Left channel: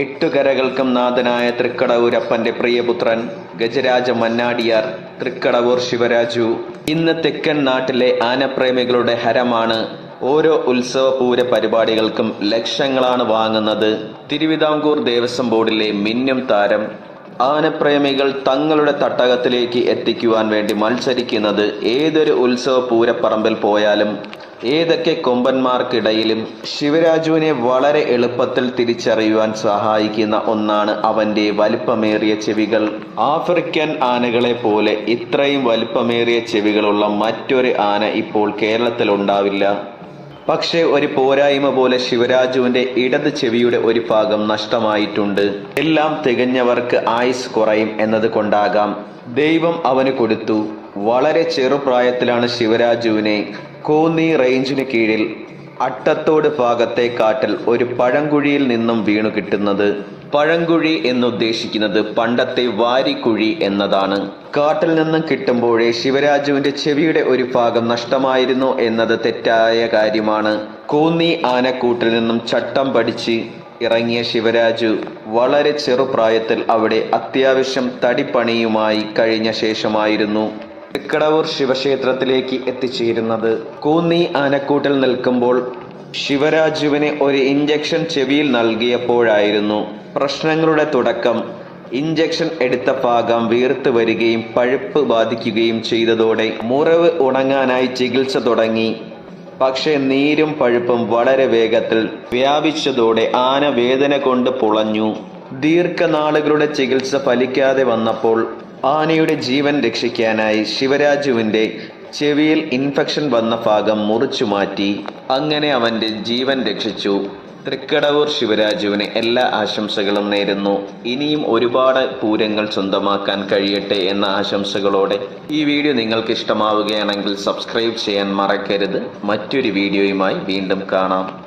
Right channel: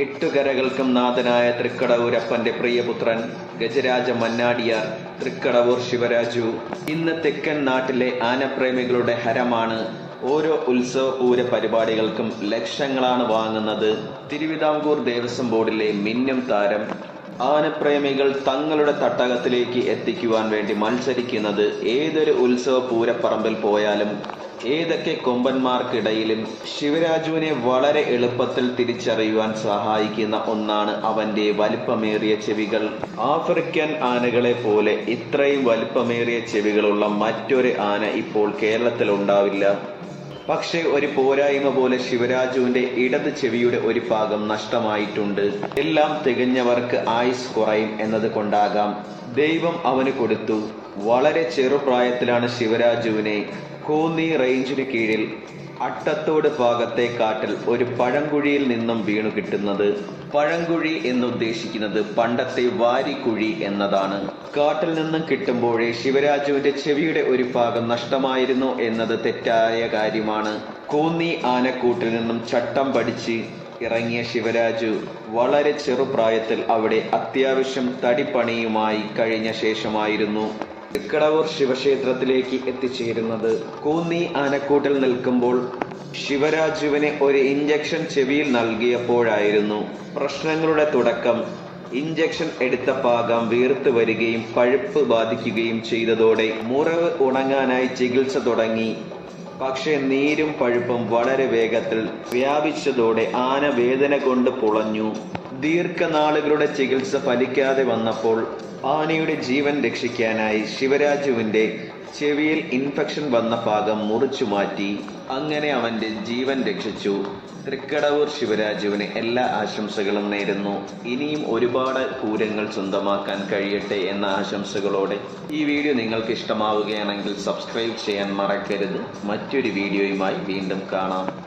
എട്ടുകരകൾക്കും നാഥനായ തൃക്കടവൂരപ്പന്റെ പ്രിയപുത്രൻ ഗജരാജ മന്നാടിയാർ തൃക്കടവൂർ ശിവരാജു. ഇന്ന് തെക്കൻ നാട്ടിലെ ആനപ്രേമികളുടെ ഹരമാണ് ഓരോ ഉത്സവ പൂര പരിപാടികൾക്കും ലക്ഷങ്ങളാണ് വാങ്ങുന്നത്. തിരുവിതാംകൂർ ദേവസ്വം ബോർഡിലെ മിന്നും താരം ആനപ്രേമികൾ തങ്ങളുടെ തട്ടകത്തിലേക്ക് എത്തിക്കുവാൻ വേണ്ടി മത്സരിക്കുന്നത് ഏതൊരു ഉത്സവ പൂരപ്പറമ്പിൽ പോയാലും ഏതൊക്കെ കൊമ്പന്മാർക്കിടയിലും ശിവരാജുവിനെ വളരെ എളുപ്പത്തിൽ തിരിച്ചറിയുവാൻ സഹായിക്കുന്ന ഒന്നാണ് അവന്റെ വലിപ്പമേറിയ ചെവികൾ. ആഫ്രിക്കൻ ആനകളെ പോലെ ഇത്രയും വലിപ്പമേറിയ ചെവികളുള്ള മറ്റൊരു ആന ഇപ്പോൾ കേരളത്തിൽ ഉണ്ടാവില്ല. പക്ഷേ ഒരു പോരായ്മ പോലെ ശിവരാജുവിന്റെ ഇടത് ചെവിയുടെ ഒരു ഭാഗം നഷ്ടമായിട്ടുണ്ട്. എല്ലാം തികഞ്ഞവർക്ക് ആയുസ് കുറയും എന്നത് കൊണ്ടാകാം ദൈവം അവന് കൊടുത്തു. വളരെ ചെറുപ്രായത്തിലാണ് ശിവരാജുവിനെ കോന്നി റേഞ്ചിന് കീഴിൽ അട്ടത്തോട് ഭാഗത്തെ കാട്ടിൽ ഒരു പഴങ്കുഴിയിൽ നിന്നും വീണു കിട്ടുന്നത് പഴങ്കുഴി എന്നുദ്ദേശിക്കുന്നത് പണ്ടത്തെ വാരിക്കുഴി എന്നതാണ്. കാട്ടിൽ നിന്നും കിട്ടുമ്പോഴേ ശിവരാജുവിന്റെ ചെവിയുടെ ഒരു ഭാഗം നഷ്ടമായിരുന്നു എന്നത് തെറ്റായ കാര്യമാണ്. കൂന്നി ആനക്കൂട്ടിൽ നിന്നും ചട്ടം പഠിച്ച് ഇറങ്ങിയ ശിവരാജു വളരെ ചെറുപ്രായത്തിൽ അവിടെ അത്യാവശ്യം തടിപ്പണിയുമായി കഴിഞ്ഞ ശേഷമായിരുന്നു. തൃക്കടവൂർ ശിവക്ഷേത്രത്തിലേക്ക് എത്തിച്ചേരുന്നത്. കൂന്നി ആനക്കൂട്ടിൽ നിൽക്കുമ്പോൾ ശിവരാജുവിന് ഒരു ഇഞ്ചക്ഷൻ ചെവിയിൽ നൽകിയപ്പോഴായിരുന്നു പ്രശ്നങ്ങളുടെ തുടക്കം. ഇഞ്ചക്ഷൻ എടുത്ത ഭാഗം വീർത്ത് വരികയും പഴുപ്പ് ബാധിക്കുകയും ചെയ്തതോടെ മുറിവ് ഉണങ്ങാനായി ചികിത്സ തുടങ്ങി. പക്ഷേ നീരും പഴുപ്പും വളരെ വേഗത്തിൽ വ്യാപിച്ചതോടെ ആന വേദന കൊണ്ട് പുളഞ്ഞു. ദീർഘനാളുകളുടെ ചികിത്സ ഫലിക്കാതെ വന്നപ്പോൾ ആനയുടെ ജീവൻ രക്ഷിക്കാനായി ശിവരാജുവിന്റെ ചെവിയിൽ ഇൻഫെക്ഷൻ വന്ന ഭാഗം മുറിച്ചു മാറ്റി അങ്ങനെ അവന്റെ ജീവൻ രക്ഷിച്ചു. തൃക്കടവൂർ ശിവരാജുവിന് എല്ലാ ആശംസകളും നേരുന്നു. ഇനിയും ഒരുപാട് പൂരങ്ങൾ സ്വന്തമാക്കാൻ കഴിയട്ടെ എന്ന ആശംസകളോടെ ഈ വീഡിയോ നിങ്ങൾക്ക് ഇഷ്ടമാവുകയാണെങ്കിൽ സബ്സ്ക്രൈബ് ചെയ്യാൻ മറക്കരുത്. മറ്റൊരു വീഡിയോയുമായി വീണ്ടും കാണാം.